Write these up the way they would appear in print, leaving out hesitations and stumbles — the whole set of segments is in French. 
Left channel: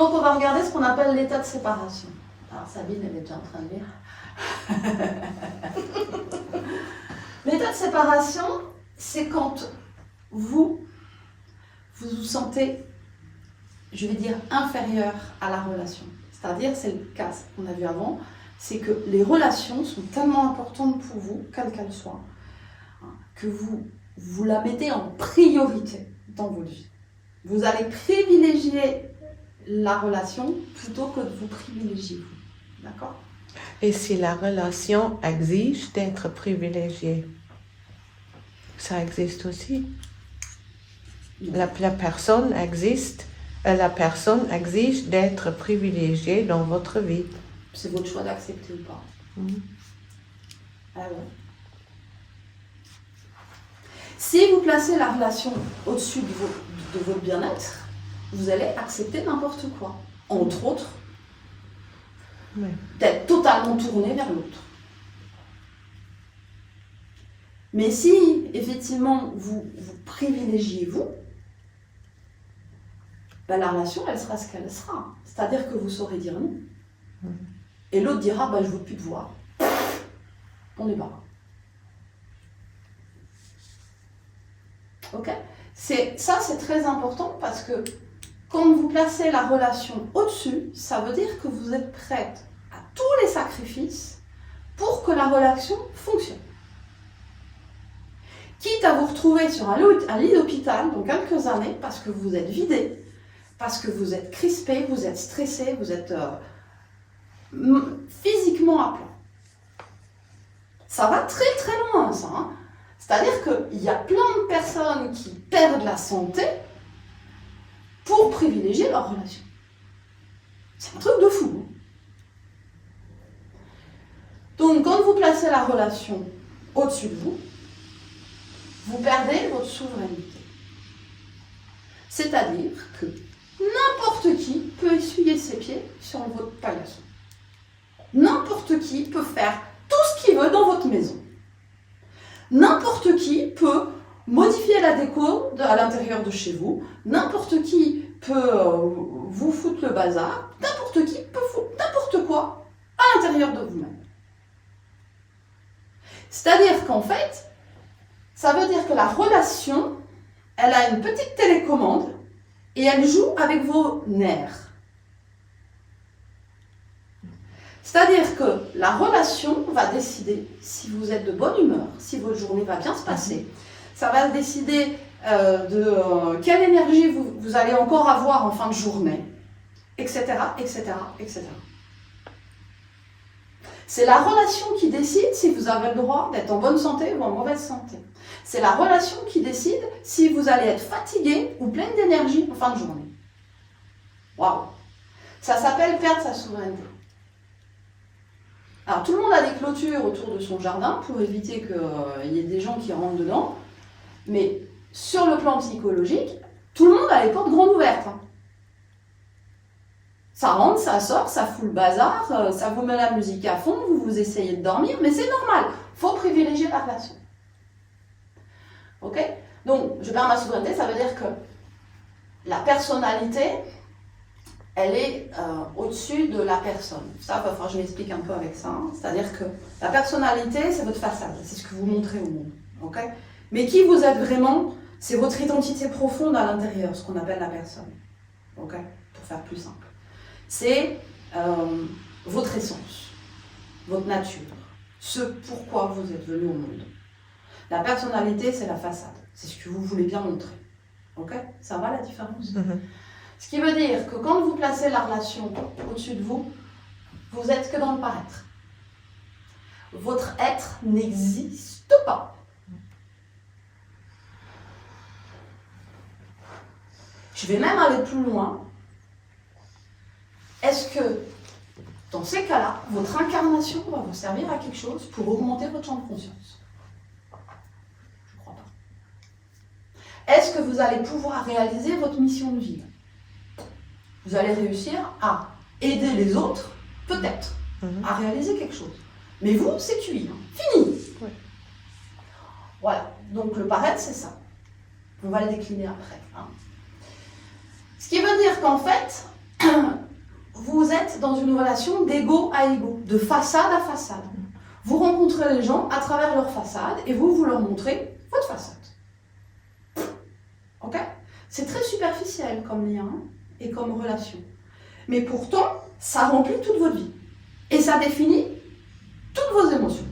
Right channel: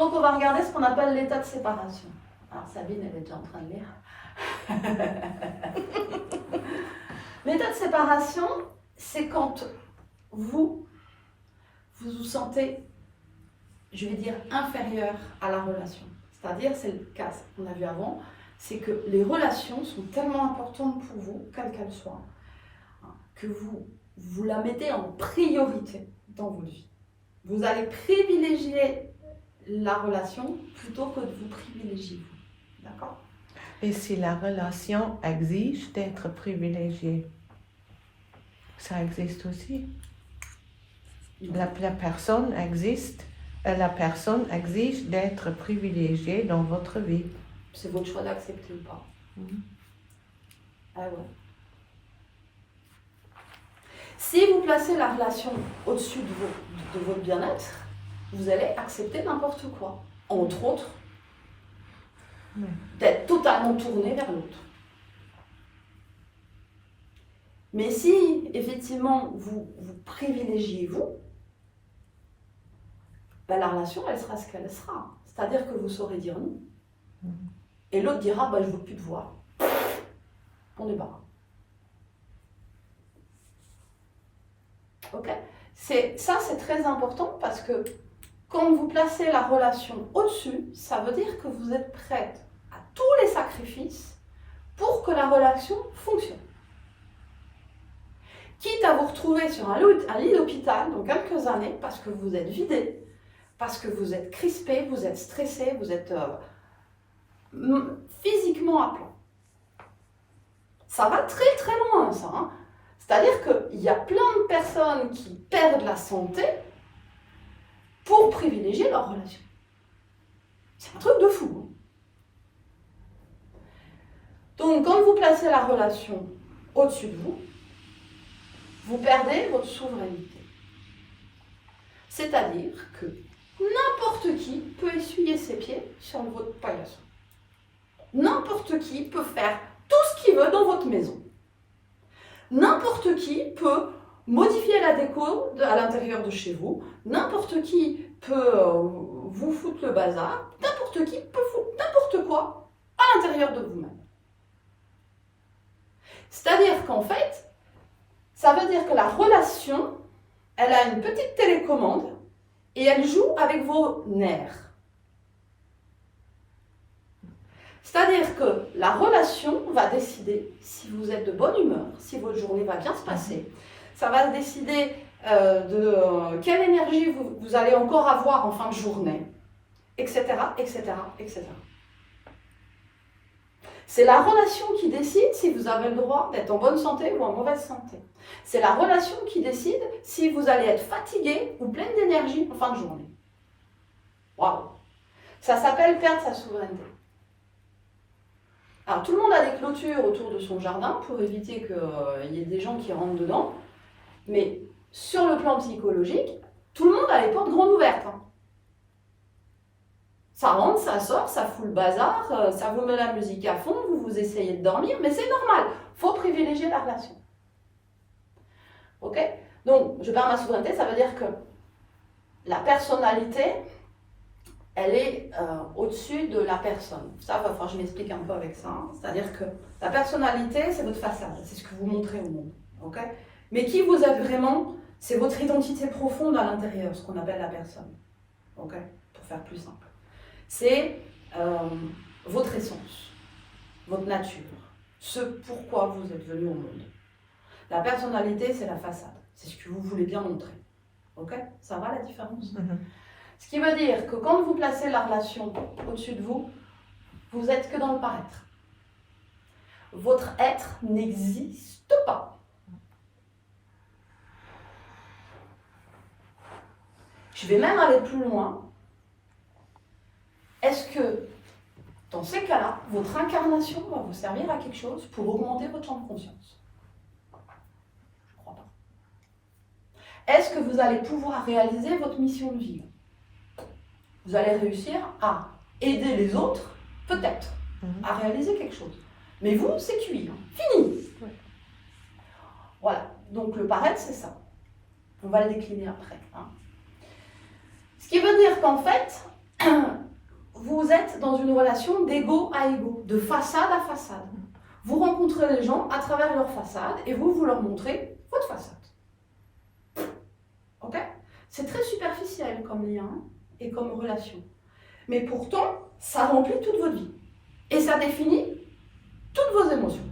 Donc on va regarder ce qu'on appelle l'état de séparation. Alors Sabine, elle est déjà en train de lire. L'état de séparation, c'est quand vous vous sentez, je vais dire, inférieur à la relation. C'est-à-dire, c'est le cas qu'on a vu avant, c'est que les relations sont tellement importantes pour vous, quelle qu'elle soit, que vous la mettez en priorité dans votre vie. Vous allez privilégier la relation plutôt que de vous privilégier vous. D'accord ? Et si la relation exige d'être privilégiée, ça existe aussi. La personne exige d'être privilégiée dans votre vie. C'est votre choix d'accepter ou pas. Alors, si vous placez la relation au-dessus de votre bien-être, vous allez accepter n'importe quoi. Entre autres, d'être totalement tourné vers l'autre. Mais si, effectivement, vous privilégiez vous, ben, la relation, elle sera ce qu'elle sera. C'est-à-dire que vous saurez dire non. Et l'autre dira, ben, je ne veux plus te voir. On est pas. Ok ? Ça, c'est très important parce que quand vous placez la relation au-dessus, ça veut dire que vous êtes prête à tous les sacrifices pour que la relation fonctionne. Quitte à vous retrouver sur un lit d'hôpital dans quelques années parce que vous êtes vidé, parce que vous êtes crispé, vous êtes stressé, vous êtes physiquement à plat. Ça va très très loin, ça. Hein. C'est-à-dire qu'il y a plein de personnes qui perdent la santé pour privilégier leur relation. C'est un truc de fou. Hein. Donc, quand vous placez la relation au-dessus de vous, vous perdez votre souveraineté. C'est-à-dire que n'importe qui peut essuyer ses pieds sur votre paillasson. N'importe qui peut faire tout ce qu'il veut dans votre maison. N'importe qui peut modifier la déco à l'intérieur de chez vous. N'importe qui peut vous foutre le bazar. N'importe qui peut foutre n'importe quoi à l'intérieur de vous-même. C'est-à-dire qu'en fait, ça veut dire que la relation, elle a une petite télécommande et elle joue avec vos nerfs. C'est-à-dire que la relation va décider si vous êtes de bonne humeur, si votre journée va bien se passer. Ça va décider de quelle énergie vous allez encore avoir en fin de journée, etc., etc., etc. C'est la relation qui décide si vous avez le droit d'être en bonne santé ou en mauvaise santé. C'est la relation qui décide si vous allez être fatigué ou plein d'énergie en fin de journée. Waouh! Ça s'appelle perdre sa souveraineté. Alors tout le monde a des clôtures autour de son jardin pour éviter qu'il y ait des gens qui rentrent dedans. Mais sur le plan psychologique, tout le monde a les portes grandes ouvertes. Hein. Ça rentre, ça sort, ça fout le bazar, ça vous met la musique à fond, vous essayez de dormir, mais c'est normal. Il faut privilégier la relation. Ok ? Donc, je perds ma souveraineté, ça veut dire que la personnalité, elle est au-dessus de la personne. Ça, enfin, je m'explique un peu avec ça. Hein. C'est-à-dire que la personnalité, c'est votre façade, c'est ce que vous montrez au monde. Ok ? Mais qui vous êtes vraiment, c'est votre identité profonde à l'intérieur, ce qu'on appelle la personne. Ok ? Pour faire plus simple. C'est votre essence, votre nature, ce pourquoi vous êtes venu au monde. La personnalité, c'est la façade. C'est ce que vous voulez bien montrer. Ok ? Ça va la différence ? Ce qui veut dire que quand vous placez la relation au-dessus de vous, vous n'êtes que dans le paraître. Votre être n'existe pas. Je vais même aller plus loin. Est-ce que, dans ces cas-là, votre incarnation va vous servir à quelque chose pour augmenter votre champ de conscience ? Je ne crois pas. Est-ce que vous allez pouvoir réaliser votre mission de vie ? Vous allez réussir à aider les autres, peut-être, à réaliser quelque chose. Mais vous, c'est cuit, hein. Fini. Oui. Voilà, donc le paraître, c'est ça. On va le décliner après. Hein. Ce qui veut dire qu'en fait, vous êtes dans une relation d'égo à égo, de façade à façade. Vous rencontrez les gens à travers leur façade et vous leur montrez votre façade. Ok? C'est très superficiel comme lien et comme relation. Mais pourtant, ça remplit toute votre vie. Et ça définit toutes vos émotions.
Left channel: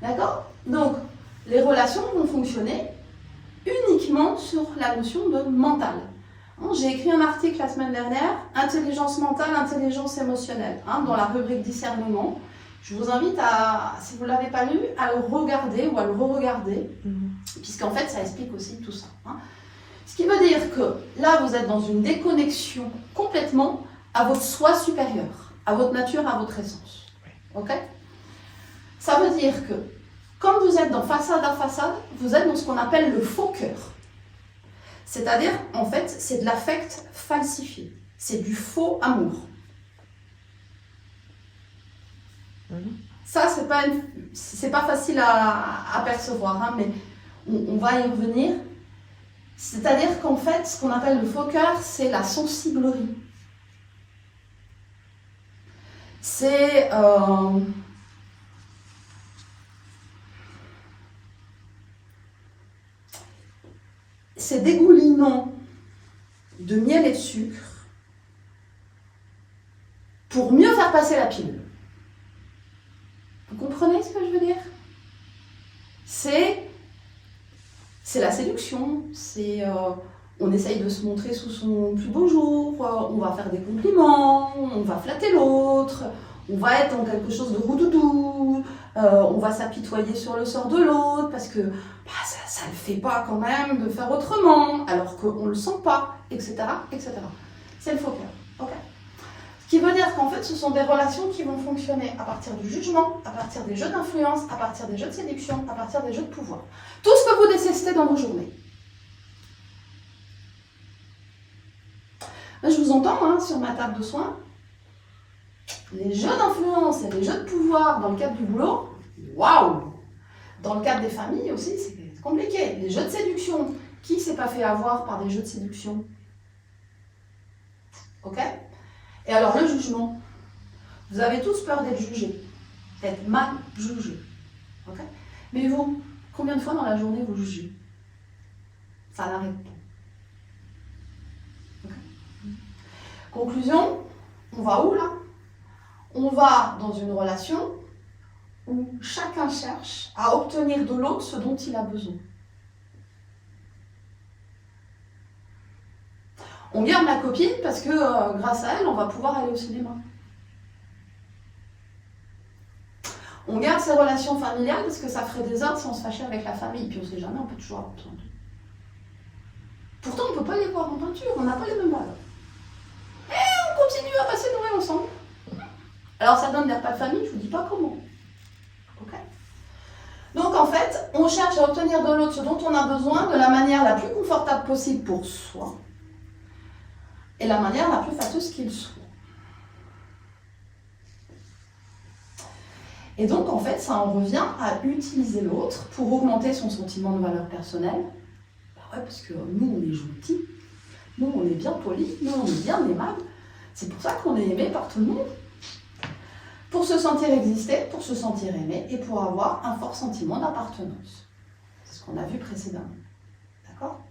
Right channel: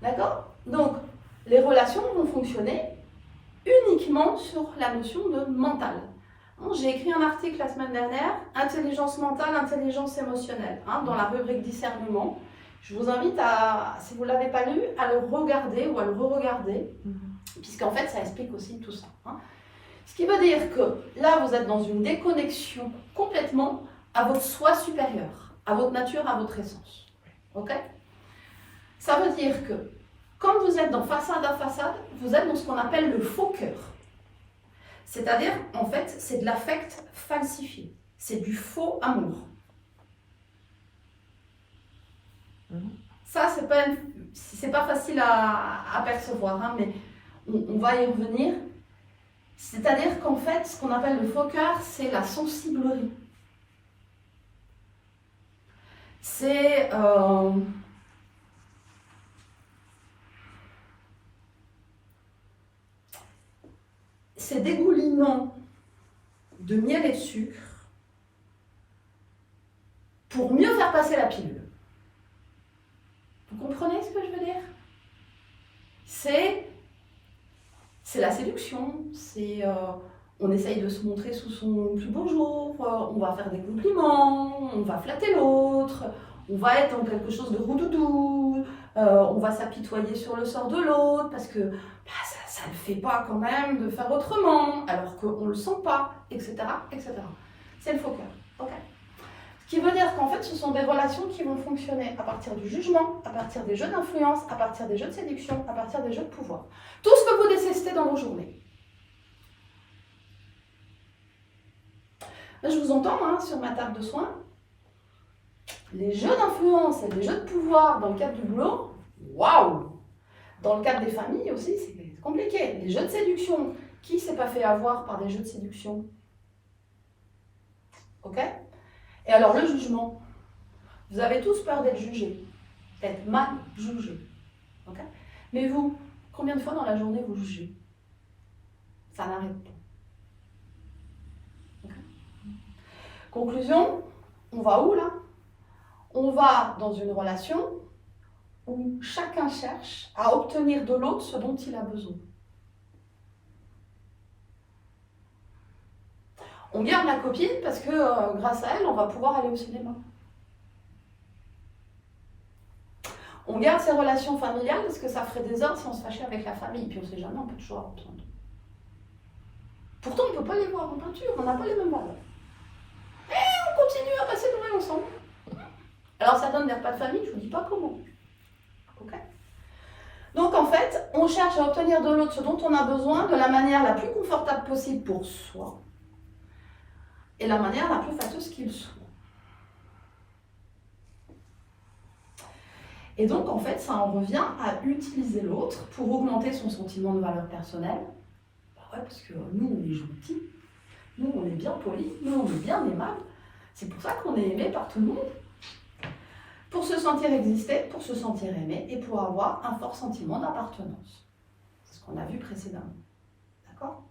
D'accord? Donc, les relations vont fonctionner uniquement sur la notion de mental. J'ai écrit un article la semaine dernière, intelligence mentale, intelligence émotionnelle, dans la rubrique discernement. Je vous invite à, si vous ne l'avez pas lu, à le regarder ou à le re-regarder, puisqu'en fait ça explique aussi tout ça. Ce qui veut dire que là vous êtes dans une déconnexion complètement à votre soi supérieur, à votre nature, à votre essence. Ok? Ça veut dire que quand vous êtes dans façade à façade, vous êtes dans ce qu'on appelle le faux cœur. C'est-à-dire, en fait, c'est de l'affect falsifié. C'est du faux amour. Ça, c'est pas facile à percevoir, mais on va y revenir. C'est-à-dire qu'en fait, ce qu'on appelle le faux cœur, c'est la sensiblerie. C'est dégoulinant de miel et de sucre pour mieux faire passer la pilule. Vous comprenez ce que je veux dire? C'est la séduction, on essaye de se montrer sous son plus beau jour, on va faire des compliments, on va flatter l'autre, on va être dans quelque chose de roudoudou, on va s'apitoyer sur le sort de l'autre parce que ça ne le fait pas quand même de faire autrement, alors qu'on ne le sent pas, etc. etc. C'est le faux cœur. Okay. Ce qui veut dire qu'en fait, ce sont des relations qui vont fonctionner à partir du jugement, à partir des jeux d'influence, à partir des jeux de séduction, à partir des jeux de pouvoir. Tout ce que vous détestez dans vos journées. Là, je vous entends sur ma table de soins. Les jeux d'influence et les jeux de pouvoir dans le cadre du boulot, waouh! Dans le cadre des familles aussi, c'est compliqué. Les jeux de séduction, qui s'est pas fait avoir par des jeux de séduction? Ok? Et alors le jugement, vous avez tous peur d'être jugé, d'être mal jugé. Ok? Mais vous, combien de fois dans la journée vous jugez? Ça n'arrête pas. Okay. Conclusion, on va où là? On va dans une relation où chacun cherche à obtenir de l'autre ce dont il a besoin. On garde la copine parce que grâce à elle, on va pouvoir aller au cinéma. On garde ses relations familiales parce que ça ferait des ordres si on se fâchait avec la famille. Puis on ne sait jamais, on peut toujours avoir besoin d'eux. Pourtant, on ne peut pas les voir en peinture, on n'a pas les mêmes valeurs. Et on continue à passer Noël ensemble. Alors ça donne des repas de famille, je ne vous dis pas comment. Ok? Donc en fait, on cherche à obtenir de l'autre ce dont on a besoin de la manière la plus confortable possible pour soi et la manière la plus fâteuse qu'il soit. Et donc en fait, ça en revient à utiliser l'autre pour augmenter son sentiment de valeur personnelle. Bah ouais, parce que nous, on est gentils, nous, on est bien polis, nous, on est bien aimables. C'est pour ça qu'on est aimé par tout le monde. Pour se sentir exister, pour se sentir aimé et pour avoir un fort sentiment d'appartenance. C'est ce qu'on a vu précédemment. D'accord?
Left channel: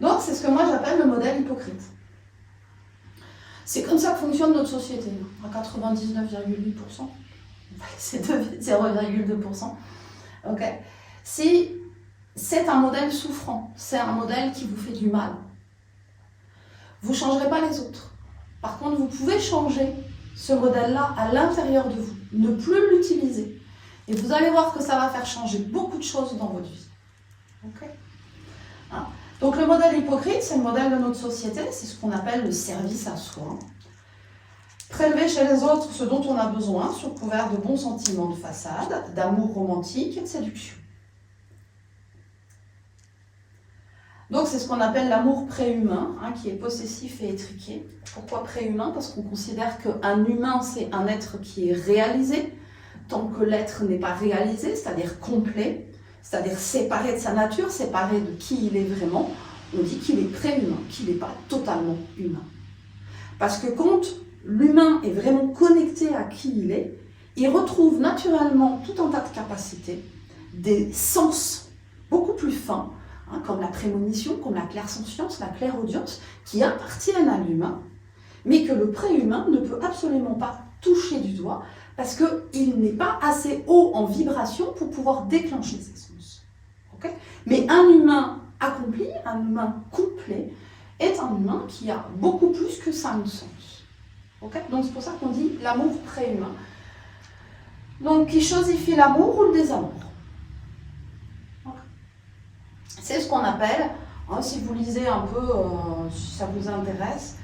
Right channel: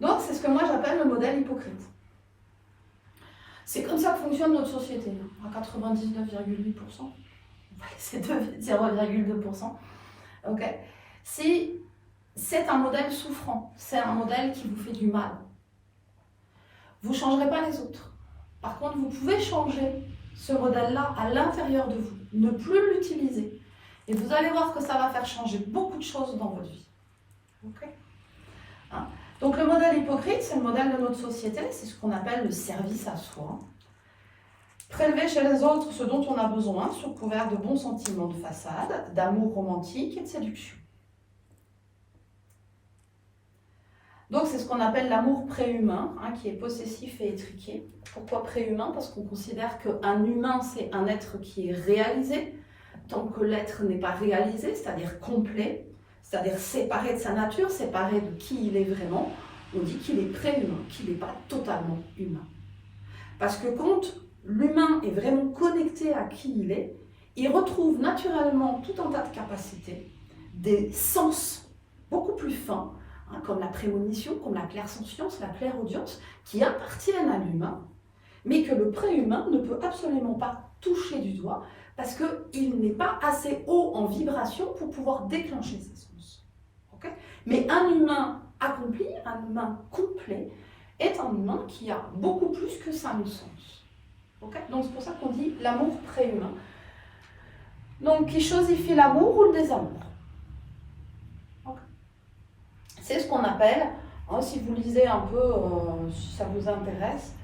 Donc, c'est ce que moi j'appelle le modèle hypocrite. C'est comme ça que fonctionne notre société, à 99,8%. On va laisser 0,2%. Ok? Si c'est un modèle souffrant, c'est un modèle qui vous fait du mal, vous ne changerez pas les autres. Par contre, vous pouvez changer ce modèle-là à l'intérieur de vous, ne plus l'utiliser. Et vous allez voir que ça va faire changer beaucoup de choses dans votre vie. Okay? Donc le modèle hypocrite, c'est le modèle de notre société, c'est ce qu'on appelle le service à soi. Prélever chez les autres ce dont on a besoin, sous couvert de bons sentiments de façade, d'amour romantique et de séduction. Donc c'est ce qu'on appelle l'amour préhumain, qui est possessif et étriqué. Pourquoi préhumain? Parce qu'on considère qu'un humain, c'est un être qui est réalisé, tant que l'être n'est pas réalisé, c'est-à-dire complet, c'est-à-dire séparé de sa nature, séparé de qui il est vraiment, on dit qu'il est préhumain, qu'il n'est pas totalement humain. Parce que quand l'humain est vraiment connecté à qui il retrouve naturellement tout un tas de capacités, des sens beaucoup plus fins, hein, comme la prémonition, comme la clairsentience, la clairaudience, qui appartiennent à l'humain, mais que le préhumain ne peut absolument pas toucher du doigt, parce qu'il n'est pas assez haut en vibration pour pouvoir déclencher ces sens. Okay? Mais un humain accompli, un humain complet, est un humain qui a beaucoup plus que 5 sens. Okay? Donc c'est pour ça qu'on dit l'amour préhumain. Donc qui chosifie l'amour ou le désamour? Okay. C'est ce qu'on appelle, hein, si vous lisez un peu, si ça vous intéresse,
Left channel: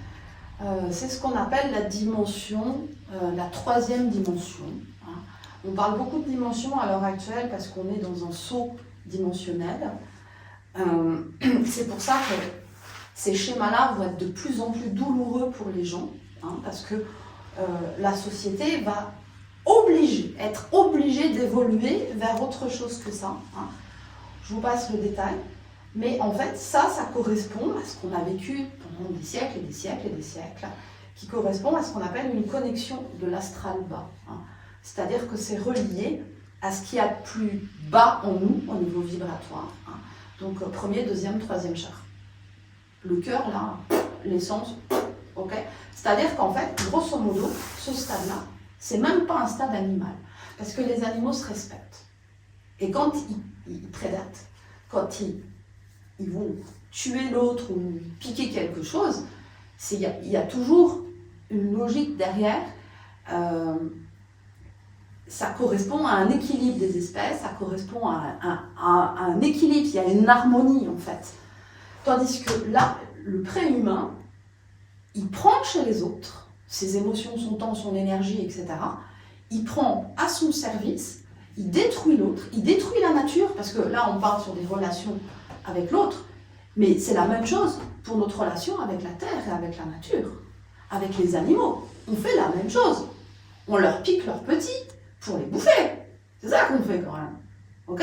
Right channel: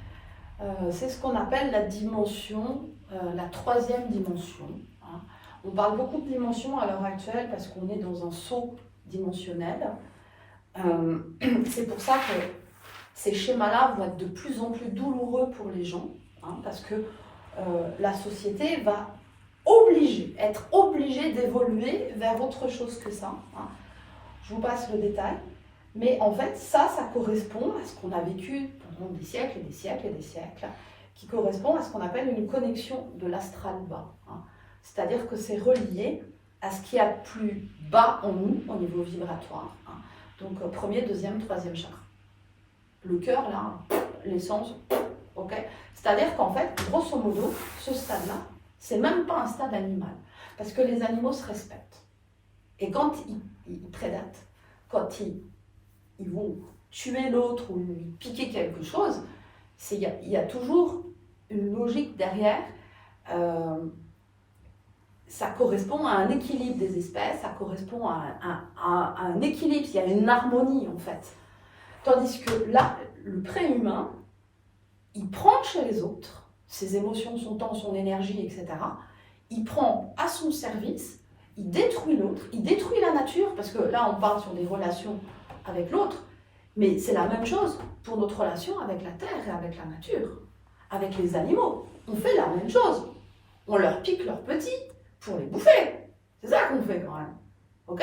c'est ce qu'on appelle la dimension, la 3e dimension. Hein. On parle beaucoup de dimensions à l'heure actuelle parce qu'on est dans un saut dimensionnel. C'est pour ça que ces schémas-là vont être de plus en plus douloureux pour les gens, hein, parce que la société va être obligée d'évoluer vers autre chose que ça. Hein. Je vous passe le détail. Mais en fait, ça correspond à ce qu'on a vécu pendant des siècles et des siècles et des siècles, qui correspond à ce qu'on appelle une connexion de l'astral bas. Hein. C'est-à-dire que c'est relié à ce qu'il y a de plus bas en nous, au niveau vibratoire. Hein. Donc, 1er, 2e, 3e chakra. Le cœur, là, l'essence, ok. C'est-à-dire qu'en fait, grosso modo, ce stade-là, c'est même pas un stade animal. Parce que les animaux se respectent. Et quand ils prédatent, quand ils vont tuer l'autre ou piquer quelque chose, il y a toujours une logique derrière. Ça correspond à un équilibre des espèces, ça correspond à un équilibre, il y a une harmonie en fait. Tandis que là, le préhumain, il prend chez les autres, ses émotions, son temps, son énergie, etc. Il prend à son service, il détruit l'autre, il détruit la nature, parce que là on parle sur des relations avec l'autre, mais c'est la même chose pour notre relation avec la terre et avec la nature, avec les animaux. On fait la même chose. On leur pique leurs petits pour les bouffer. C'est ça qu'on fait quand même. Ok?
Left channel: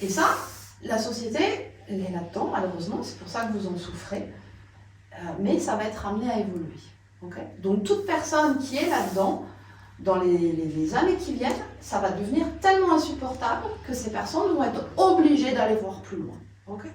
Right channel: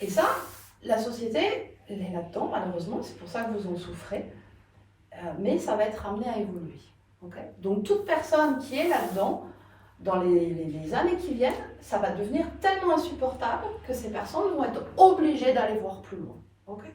Et ça, la société, elle est là-dedans, malheureusement, c'est pour ça que vous en souffrez, mais ça va être amené à évoluer. Okay? Donc toute personne qui est là-dedans, dans les années qui viennent, ça va devenir tellement insupportable que ces personnes vont être obligées d'aller voir plus loin. Okay?